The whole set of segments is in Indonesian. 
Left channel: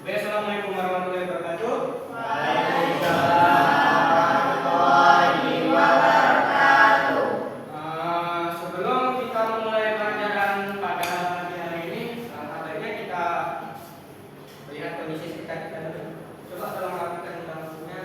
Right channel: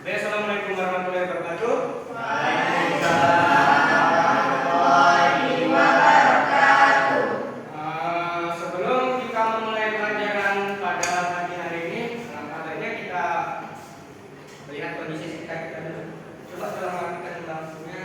Baik, assalamualaikum warahmatullahi wabarakatuh. Sebelum kita memulai pelajaran pada pagi hari ini, sebaiknya kita melihat kondisi sekitar kita dulu. Coba tolong matikan lampunya.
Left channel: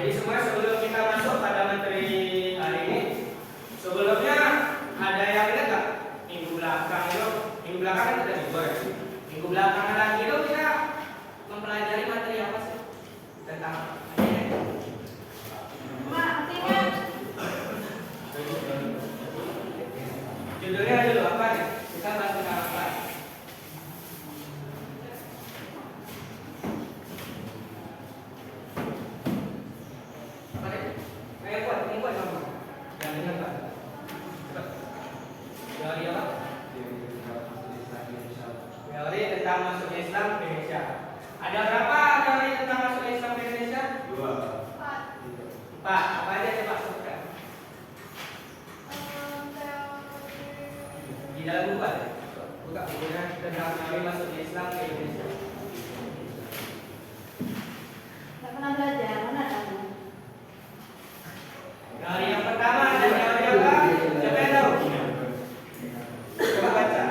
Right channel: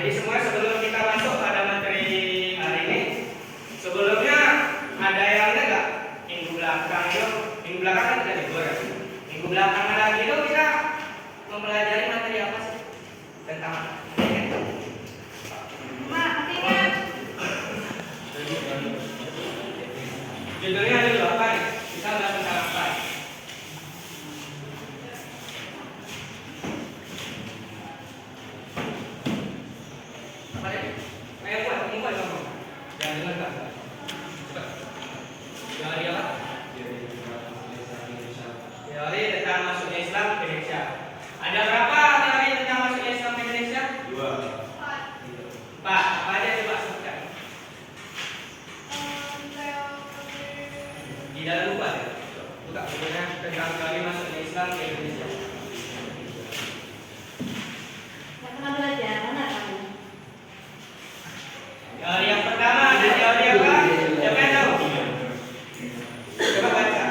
Jadi semua sebelum kita masuk pada materi hari ini, sebelumnya ada yang ingat nggak minggu belakang itu? Minggu belakang kan kita libur. Minggu belakang lagi itu kita mempelajari materi apa sih tentang ini? Judulnya dulu apa nih? Kita bahas tentang apa? Teori apa? Teori tentang masuknya Islam ke Indonesia. Ada berapa teori tentang masuknya Islam ke Indonesia? 4. Apa aja coba sebutkan? Di dalam buku ada. Buka bukunya tentang teori masuknya Islam ke Indonesia. Nggak pernah belajar, mana kamu? Teori yang pertama ada teori apa? Siapa yang tahu? Coba baca.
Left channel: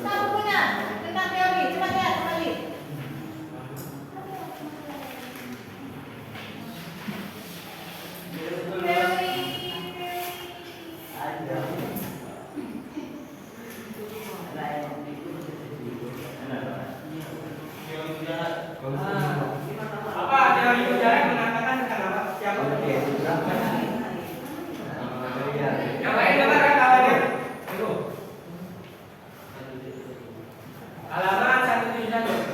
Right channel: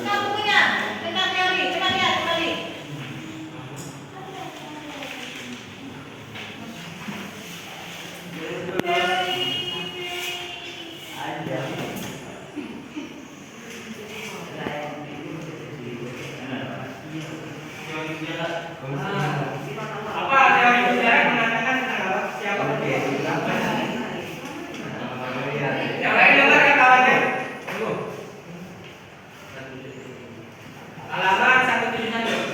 Buka bukunya, tentang teori, coba lihat kembali. Apa teori sejarah mengatakan tentang apa? Siapa? Yang lain dengar ya kawannya? Halaman 171.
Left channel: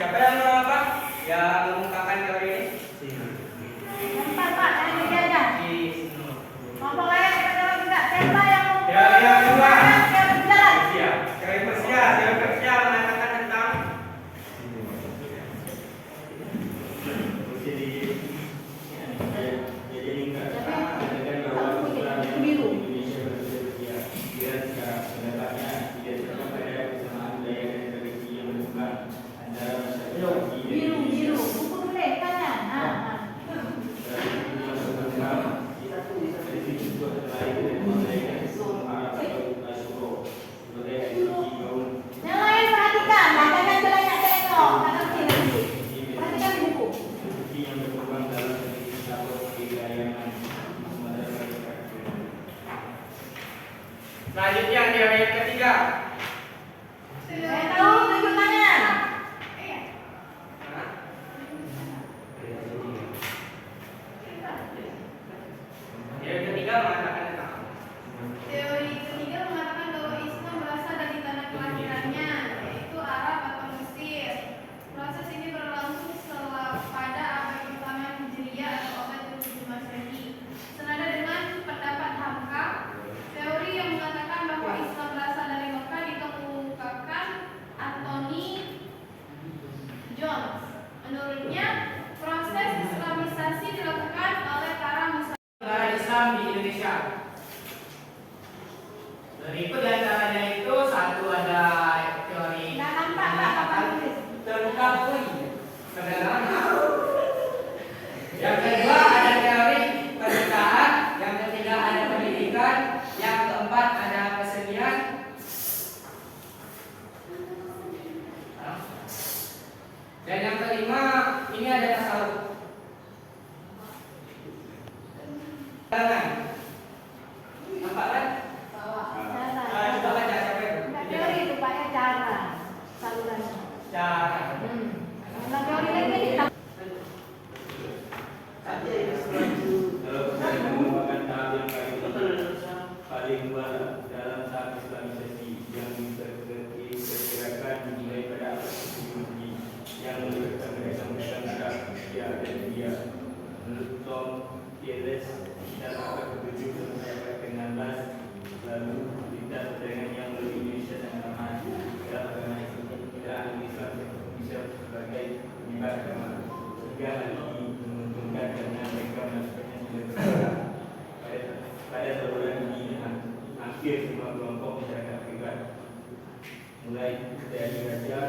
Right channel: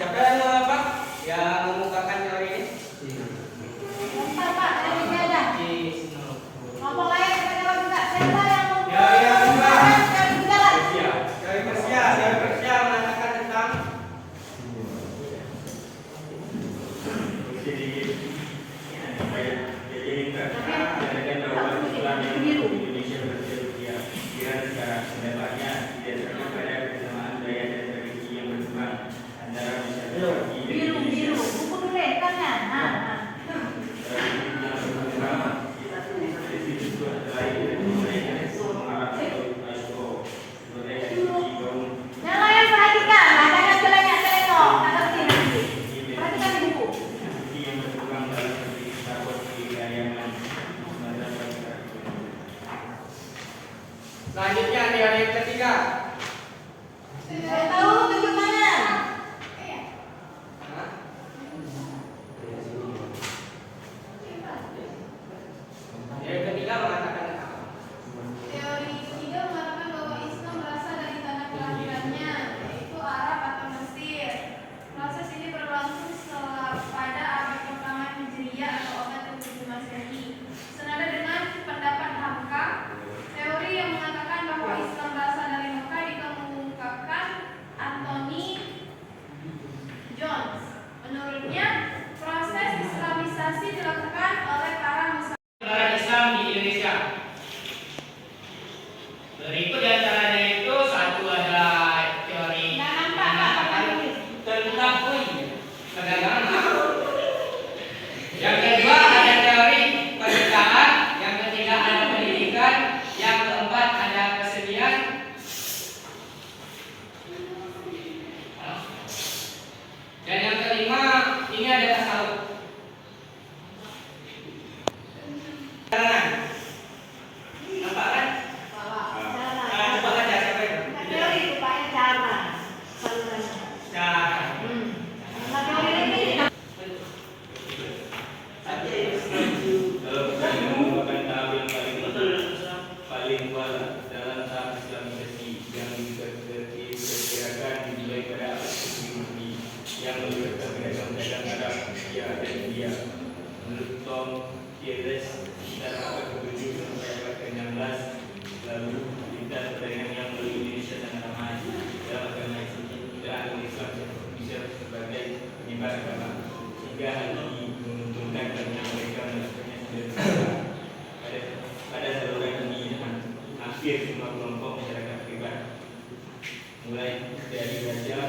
Siapa yang apa? Yang mengemukakan teori ini? Lempar Pak, dari meja aja. Ngomong layak kita jawab juga. Siapa yang Teori yang kedua. teori sejarah? Teori Persia mengatakan tentang Selanjutnya teori yang ketiga. Saya tahu tunjuk tangan. Teori ketiga mengatakan apa? Teori ketiga mengatakan bahwa Islam berasal dari tanah kelahirannya, yaitu Arab atau Mesir. Proses ini berlangsung pada abad pertama Hijriah atau abad ke-7 Masehi. Senada dengan pendapat Hamka, teori yang mengatakan bahwa Islam berasal dari Mekah dikemukakan Anthony Jones. Menurutnya, proses Islamisasi dilakukan oleh para Muslim. Penyebaran Islam di Indonesia. Berikut diantaranya itu satu ada teori Nggak nampak Pak, Bapak tulis. tentang perdagangan. Yang kedua ada teori pernikahan. Yang ketiga ada pendidikan. Yang keempat ada kesenian. Dan yang kelima ini ada tasawuf. Nampak kan? Cara. Coba baca siapa itu? Enggak teori rupanya cara. Salurannya. Cara. Nah, teori lagi. Kalau kita merupakan tahap yang paling kuat dalam tahap Islamisasi yang diperkirakan dimulai pada abad ke-7 yang melibatkan pedagang-pedagang Arab, Asia dan India. Menurut Tom Kieres, dalam abad ke-7 sampai abad ke-16, lalu lintas perdagangan yang melalui Indonesia sangat ramai dalam agama Islam bisa sebagai penyebar agama sehingga hal ini menguntungkan karena mereka melakukannya sudah pada saluran ini hampir semua kelompok masyarakat privat mulai dari raja,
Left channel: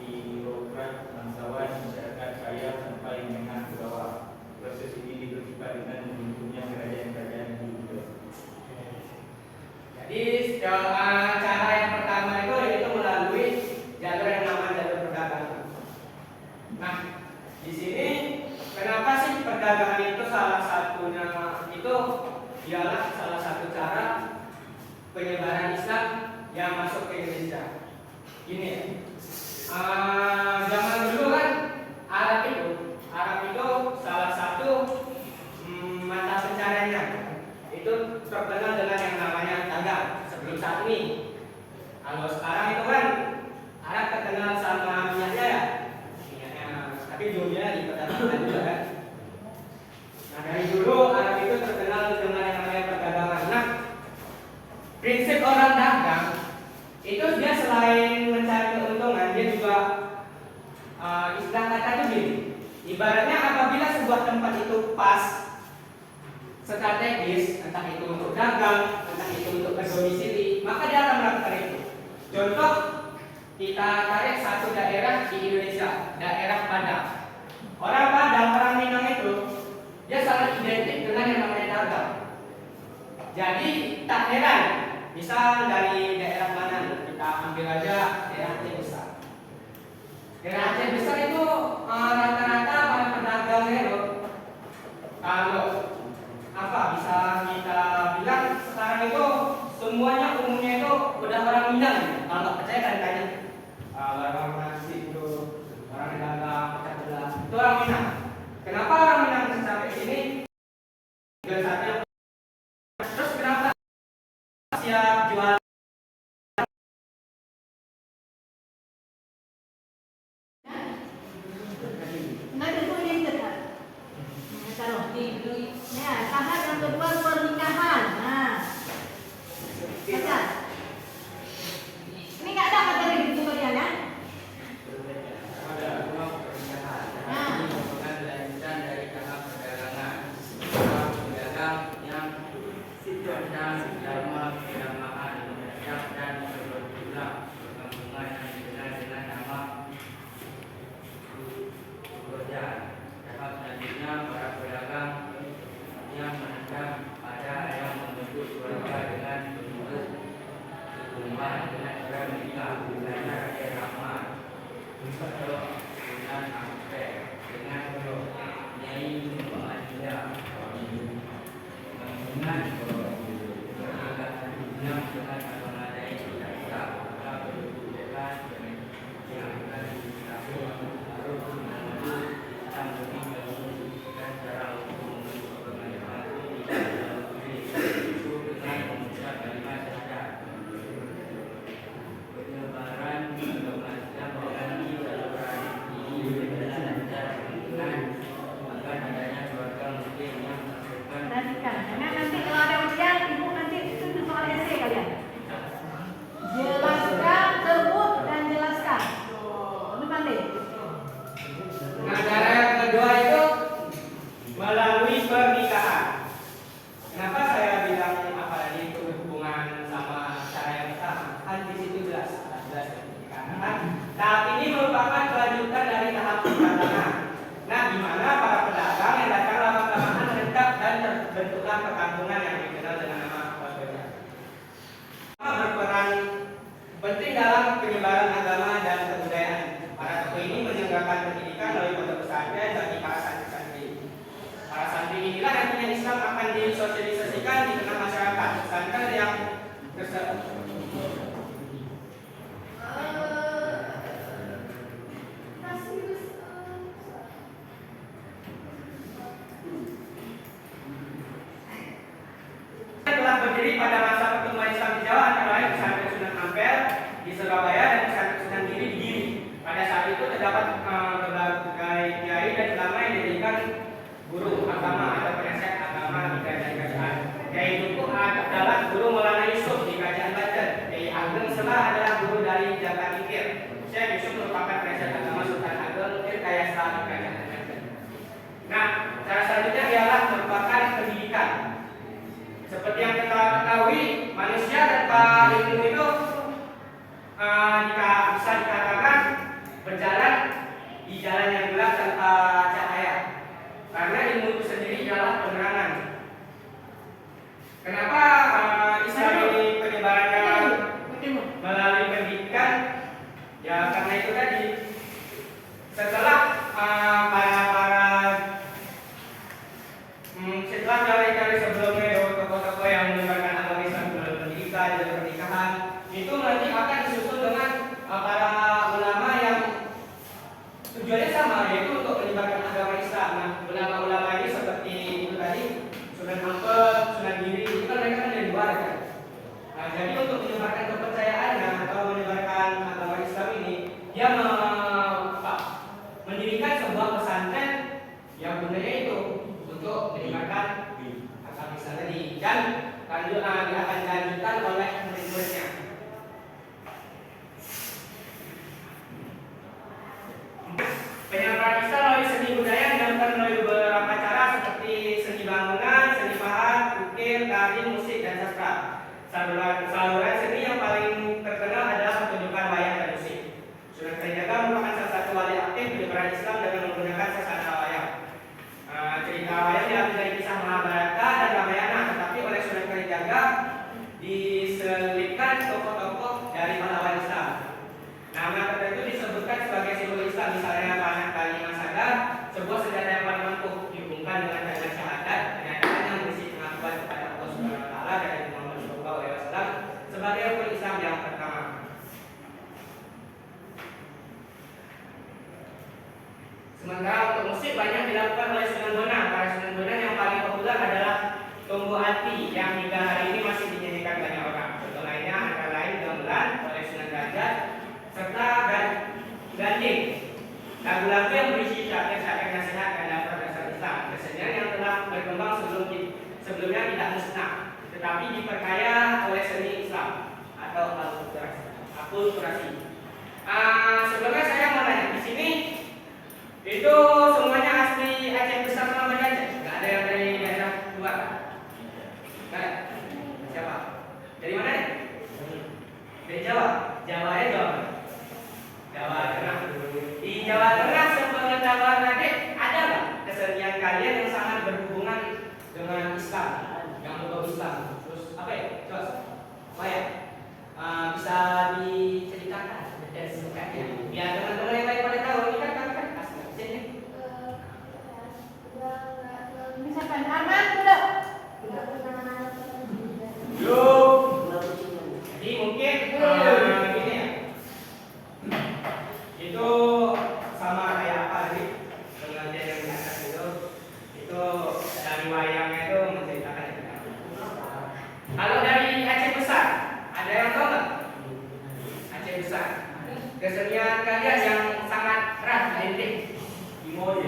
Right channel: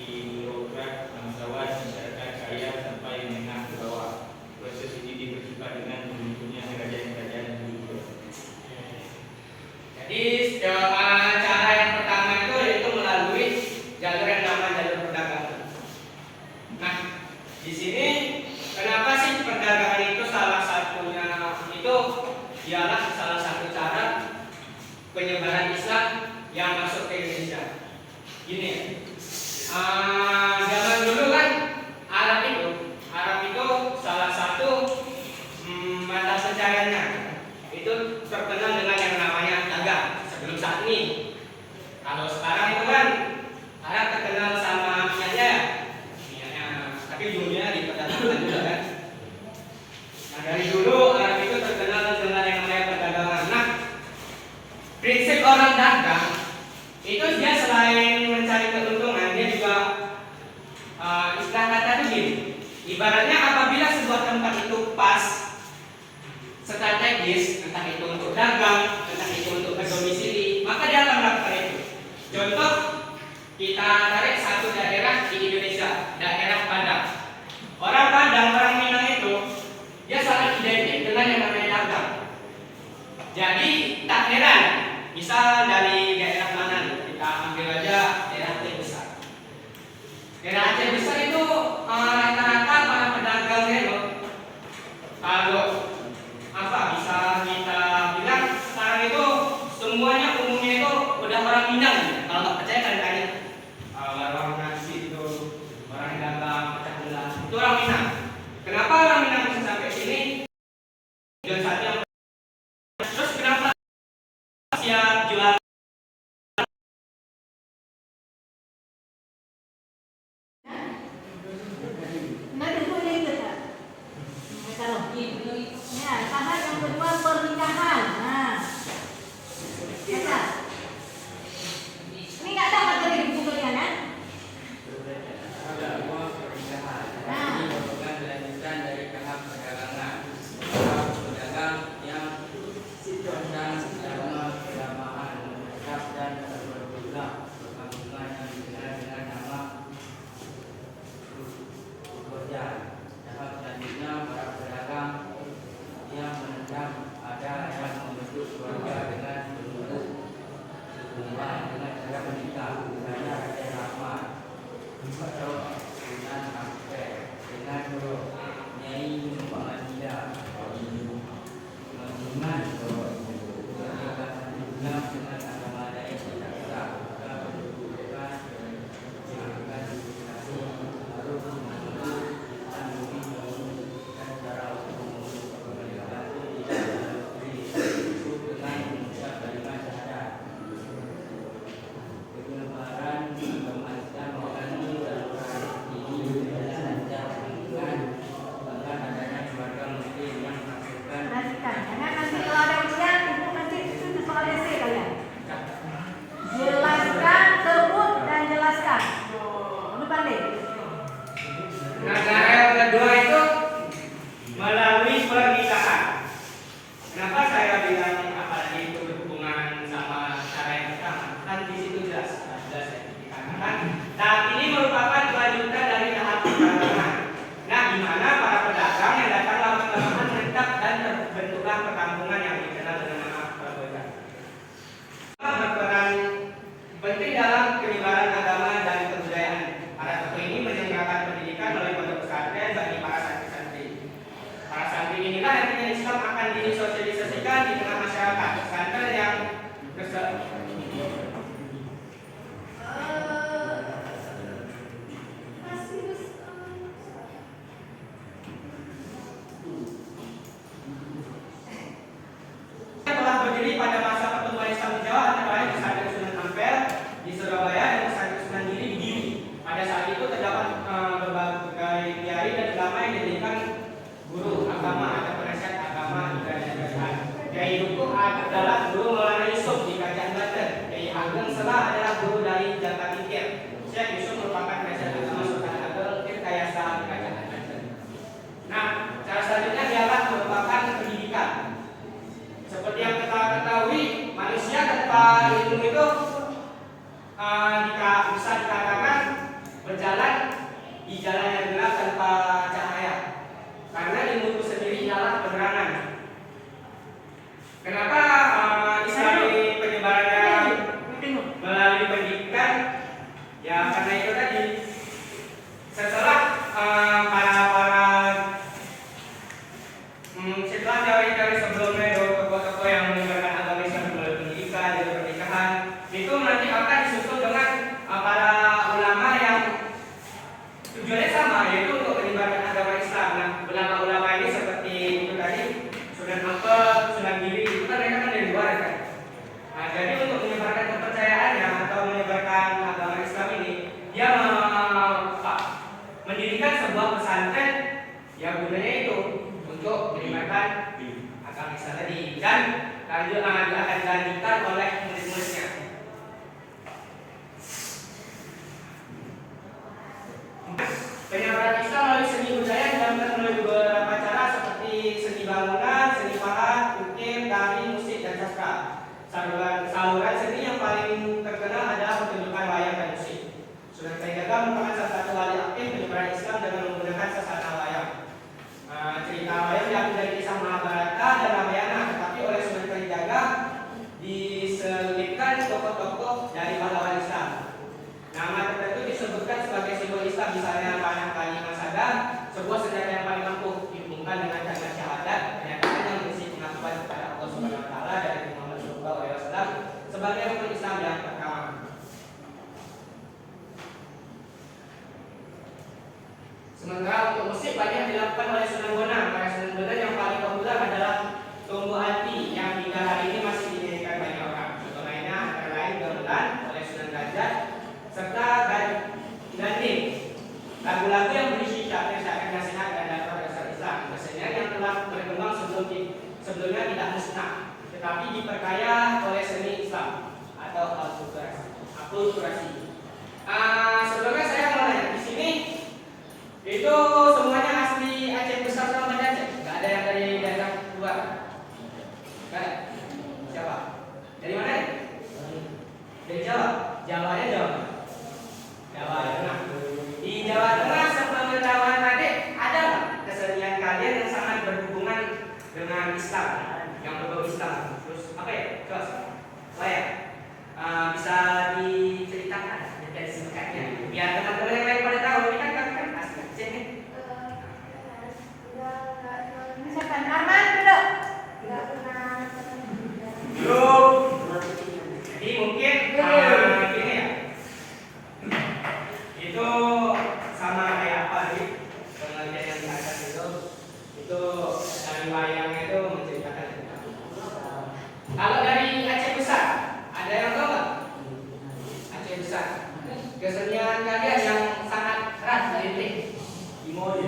birokrat, bangsawan, masyarakat kaya sampai menengah ke bawah. Proses ini dipercepat dengan terbentuknya kerajaan-kerajaan dulu. Jadi cara yang pertama itu yaitu melalui jalur yang namanya jalur perdagangan. Nah, di sini kenapa sih perdagangan itu salah satunya itu ialah salah satu cara penyebaran Islam yang masuk ke Indonesia. Gini ya, zaman dulu kan Arab itu salah satu mata pencariannya itu terkenal dengan yang namanya dagang sebelum saat ini. Kalau sekarang itu kan Arab terkenal sama minyaknya ya, minyaknya, tapi ujungnya di perdagangan juga kan. Nah dari dulu Arab itu terkenal dengan yang namanya perdagangan. Nah prinsip orang dagang itu dia selain mencari keuntungan dia juga istilah kata itu gini. Ibaratnya apabila sebuah tempat itu pas strategis, entah itu untuk dagang, entah itu untuk berdomisili, maka dia akan melakukan itu. Contoh, kita tarik satu daerah di Indonesia, daerah Padang. Orang Padang, orang Minang itu, dia sangat identik dengan yang namanya dagang. Jadi tak heran, misal dari daerah mana, kita ambil aja daerah Aceh Besar. Daerah Aceh Besar itu rata-rata para pedagangnya itu, kalau bisa kita bilang sekarang itu semuanya umumnya itu udah orang Minang. Kalau nggak percaya kalian tanya orang nasi itu orang dagang pecah belah itu orang Minang. Kenapa orang Minang bisa sampai sini? Dan satu terus kenapa siap jual di mana para pedagang yang datang lama-kelamaan menetap dan terbentuklah perkampungan yang dikenal dengan nama Kolbega. Berperan penting dalam penyebaran agama dan kebudayaan. Para tokoh ini menyelenggarakan pendidikan melalui pondok pesantren bagi para santri-santri. Para santri inilah nantinya Islam akan disosialisasikan di tengah masyarakat. Pesantren yang telah berdiri pada masa pertumbuhan Islam di Jawa, antara lain pesantren Sunan Ampel di Surabaya dan pesantren Sunan Giri di Giri. Pada saat itu terdapat berbagai kiai dan ulama yang diberikan guru agama atau penasihat agama di kerajaan kerajaan. Kiai Dukuh adalah guru Maulana Yusuf di kerajaan Banten. Kiai Ageng Selah adalah guru dari Jabat Tingkir. Syekh Yusuf merupakan penasihat agama Sultan Ageng Tirtayasa di kerajaan Banten. Nah, cara selanjutnya ialah merupakan pendidikan. Seperti yang kita ketahui, manusia tanpa ilmu itu bisa dikatakan berjalan di jalan yang gelap tanpa cahaya. Karena ilmu itu sendiri adalah penerangan. Kenapa Islam ini penyebarannya melalui pendidikan? Ya karena itu tadi. Setelah setelah dari sebelumnya tokoh-tokoh yang menyebarkan agama Islam melalui pendidikan dan pernikahan, itu nanti akan disusul dengan para ulama yang tujuannya sama, yaitu untuk menyebarkan agama Islam. Nah, ulama-ulama ini seperti itu tadi, Sunan Ampel, Sunan Giri, itu kan mereka kan dari luar kan. Nah, jadi untuk menyebarkan kepercayaannya atau menyebarkan agama Islam ini, dia mendirikan sebuah pesantren yang gunanya itu untuk menyebarkan agama Islam tadi, dan akan dilanjutkan oleh murid-muridnya. Penyebaran Islam melalui seni budaya dilakukan melalui beberapa cara seperti seni bangunan, seni pahat, ukir, tari, musik, dan sastra. Saluran seni yang paling terkenal adalah pertunjukan wayang dan musik. Sunan Kalijaga merupakan salah satu wali aktif penyebaran Islam dengan menggunakan sasana wayang. Cerita wayang diambil dari kisah Mahabharata dan Ramayana, tetapi oleh Sunan Kalijaga diselipkan tokoh-tokoh dari pahlawan Islam. Nama tertentu disebutkan sebagai simbol Islam, misalnya panah kali masaga, sebuah senjata yang paling ampuh, dihubungkan dengan tanda syahadat, pernyataan yang berisi pengakuan kepada Allah Subhanahu Wa Taala dan Muhammad Sallallahu Alaihi Wasallam sebagai rukun Islam yang pertama. Sementara untuk musik banyak dilakukan oleh Sunan Bonang. Para Sunan Bonang yang paling populer adalah Tombo Ati yang hingga hari ini masih dinyanyikan banyak orang. Contoh lainnya antara lain Gamelan oleh Sunan Derajat serta Ganding, lagu-lagu yang berisi syair-syair nasihat dan dakwah dasar Islam. Kesenian yang telah berkembang sebelumnya tidak musnah, tetapi diperkaya oleh seni Islam atau akulturasi. Sebelumnya saya mau nanya di sini. Itu semuanya asli Aceh besar sama Banda Aceh? Nggak ada yang dari daerah luar? Nggak ada? Jawa? Dari mana ya? Dari Jawa? Jawa ya Jawa? Jawa Tengah. Di Jawa Tengah sepengetahuan adik, ada nggak kesenian kalian yang sangat berhubungan dengan Islam? Yang berbau Islam? Terus apa ya? Coba ya? Bisa diceritakan dari singkatnya biar teman-teman yang lain pada tahu. Ini kan kami kan asli Aceh nih. Misalkan Arman duduk. Belum. Jadi mungkin ini ya. Itu sama kayak apa sih? Pengertian yang di atas itu dari wayangnya itu menceritakan cerita. Kalau dari Aceh besar, ada yang tahu nggak? Aceh besar. Kesenian kalian yang sangat erat identik. Gimana?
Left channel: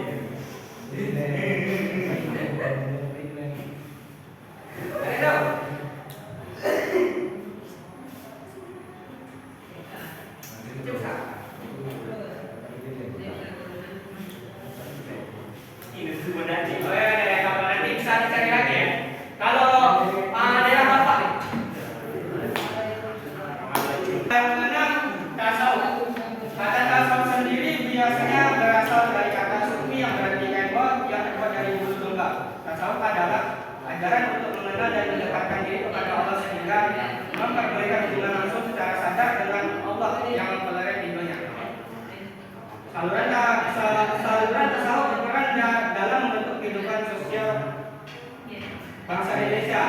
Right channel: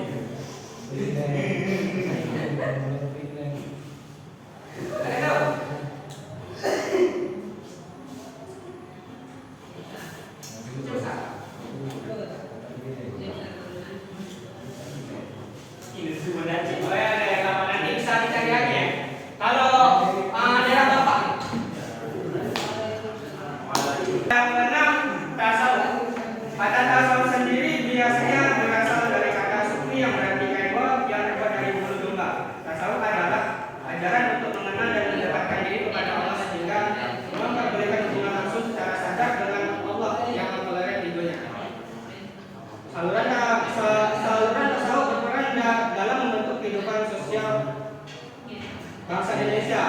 Ada tahu? Besar. Ini sudah sih. Oh ya, ada kapan nanti bisa dicari lagi ya. Kalau daerah Bapak nih. Yang keenam, tasawuf. Kata tasawuf sendiri biasanya berasal dari kata sufi yang berarti kehidupan sosial bangsa Indonesia.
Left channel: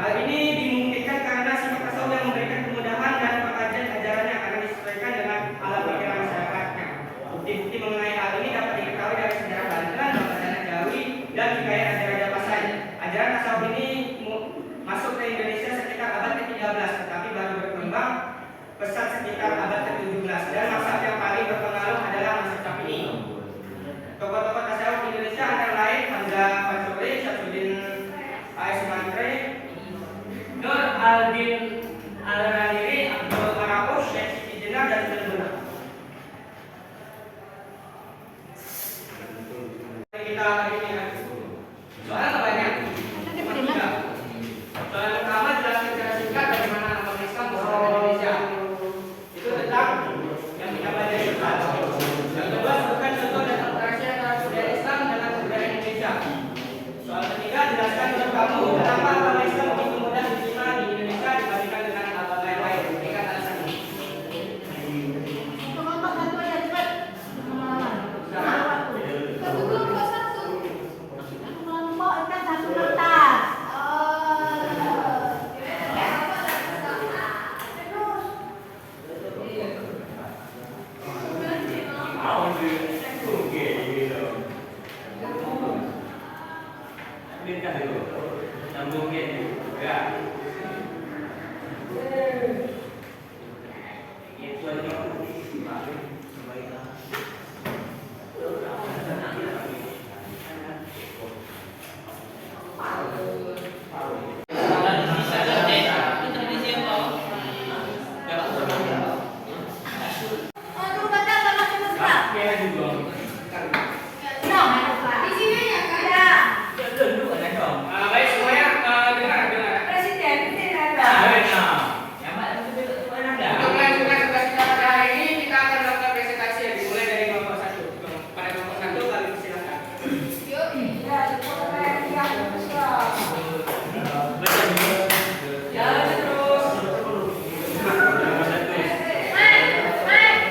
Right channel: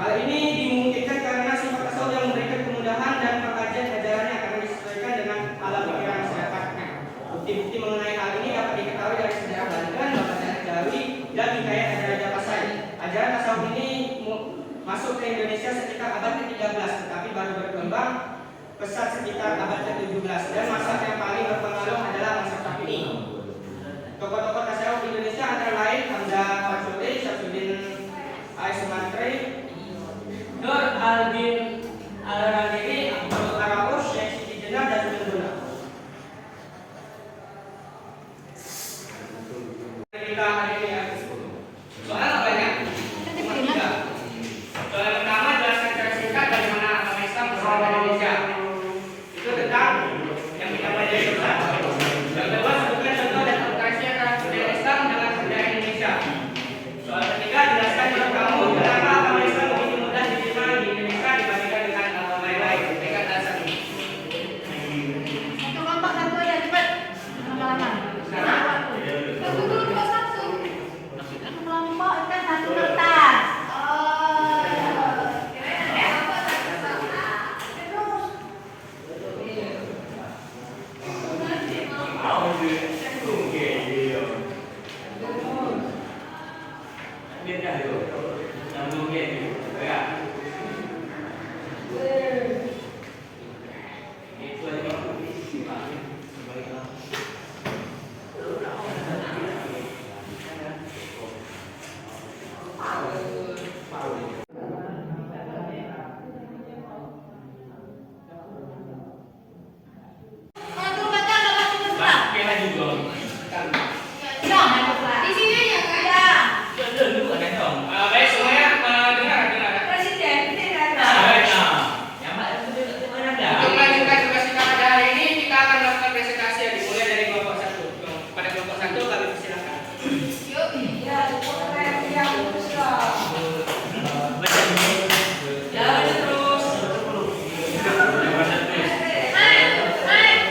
Hal ini dimungkinkan karena sifat Rasul yang memberikan kemudahan dan pengkajian ajarannya karena disesuaikan dengan alam pikiran masyarakatnya. Bukti-bukti mengenai hal ini dapat diketahui dari sejarah Banten, Bangsa Jawi, dan hikayat Raja Pasai. Ajaran tasawuf ini masuk ke Indonesia sekitar abad ke-13, tetapi baru berkembang pesat sekitar abad ke-17. Dan mazhab yang paling berpengaruh adalah mazhab Syafi'i. Tokoh-tokoh tasawuf Indonesia antara lain Hamzah Fatsuri, Syamsuddin Al-Sumantri, Nur Al-Din Al-Radiri, Abdul Araus, Syekh Siti Jenar, dan Sunan Kita soalnya banyak. Soal pertama jelaskan secara singkat bagaimana agama Islam bersama Indonesia. Itu tentang yang kita pelajari bersama. Yang kedua sebutkan contoh dan kontrasnya antara budaya Islam dengan budaya Indonesia. Soal ketiga jelaskan menurut kamu kenapa agama Islam begitu mudah diterima di Indonesia dibandingkan dengan agama lain. Berikan alasan ini. Untuk kelompok satu ya cepat. Lama-lama. Waktu. Satu kelompok satu. Kelompok ikan satu kertas. Di sini aja kan? Baik semuanya dengar. Presiden Untuk melanjutkan tugas kita pada hari ini, kita akan melakukan presentasi yang dimulai dari kelompok satu. Pada kelompok satu kami persilahkan. Yuk. ya yang Jalan terus.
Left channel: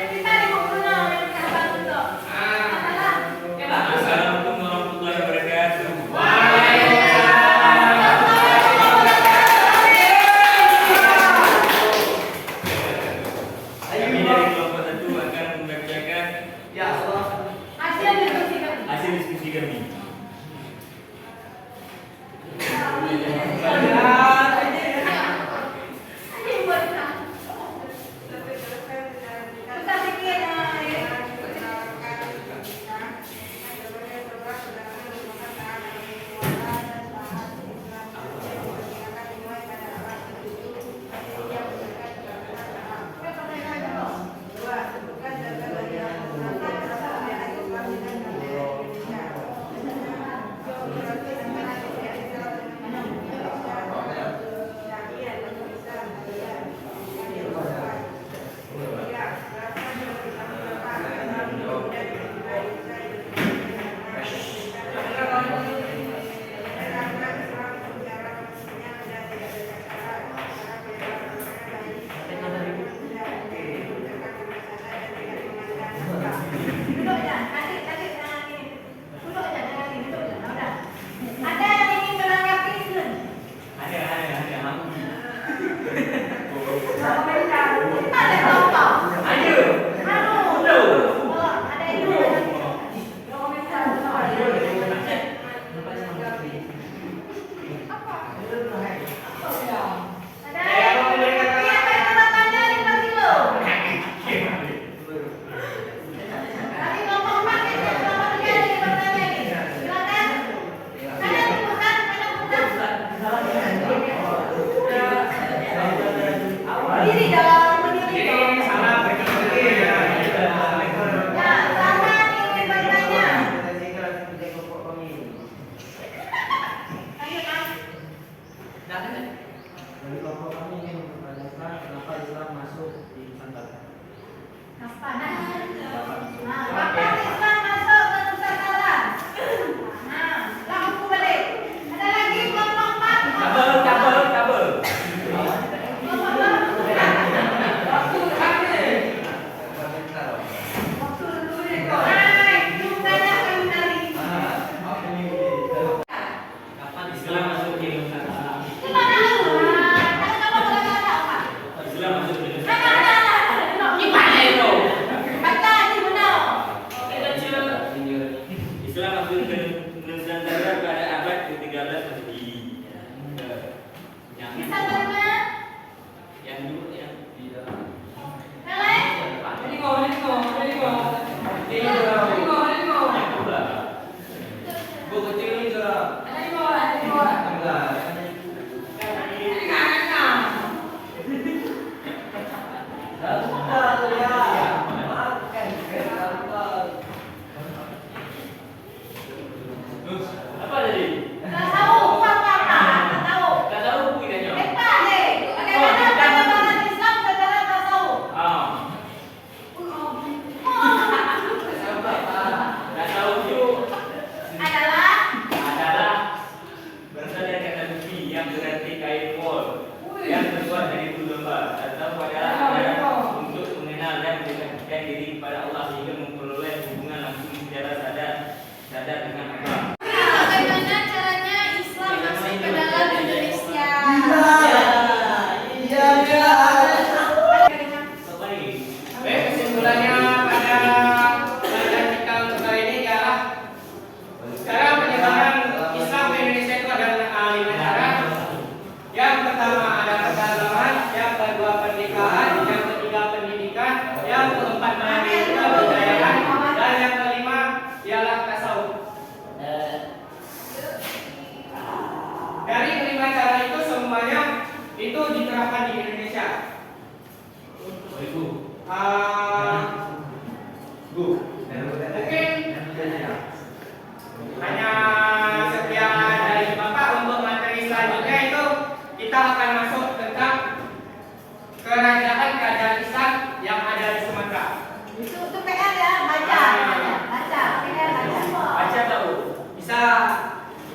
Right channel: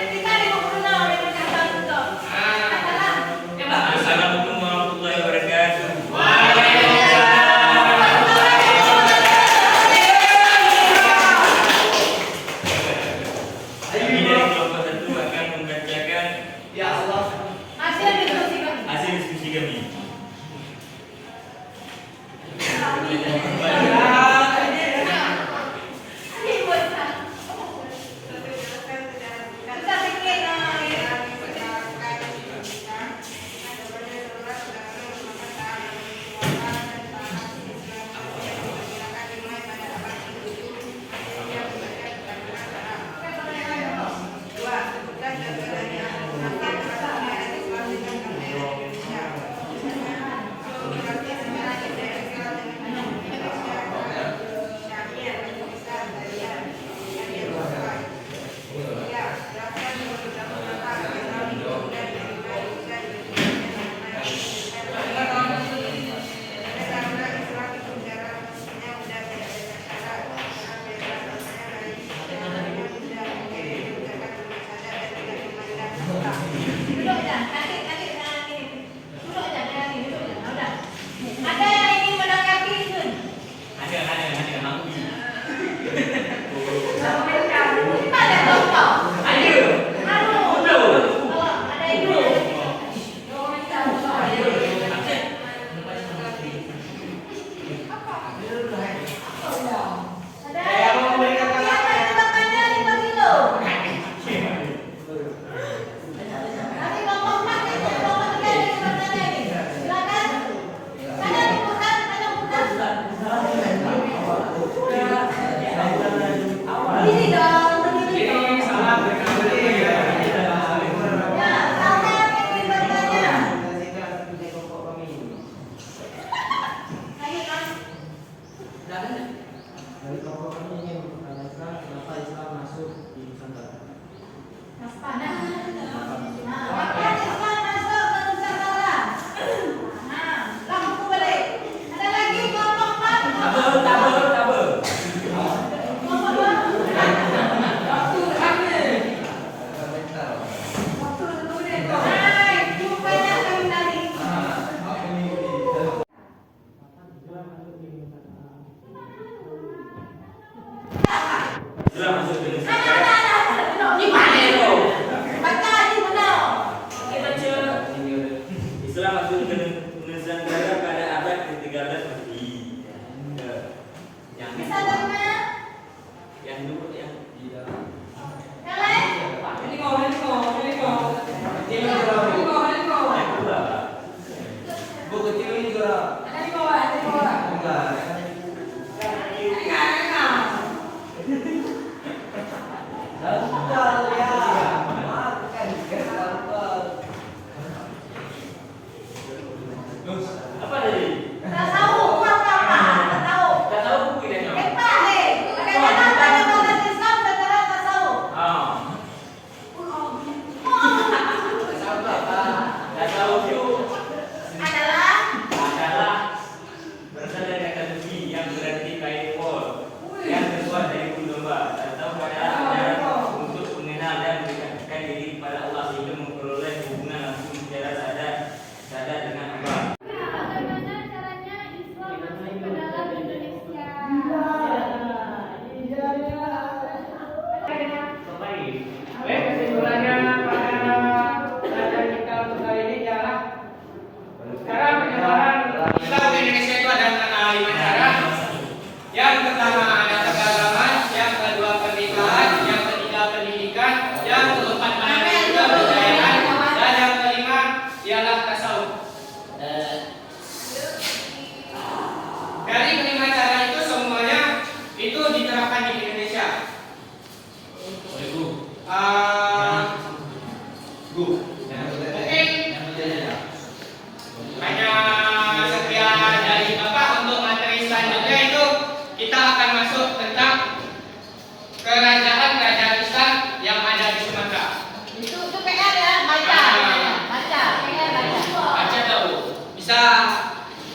kita di bukunya udah dicatat tuh. Assalamualaikum warahmatullahi wabarakatuh. Kami dari kelompok satu akan membacakan Ya Allah. Masih ada diskusi kan? hasil diskusi kami. Kita bikin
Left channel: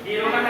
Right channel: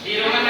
Di rumah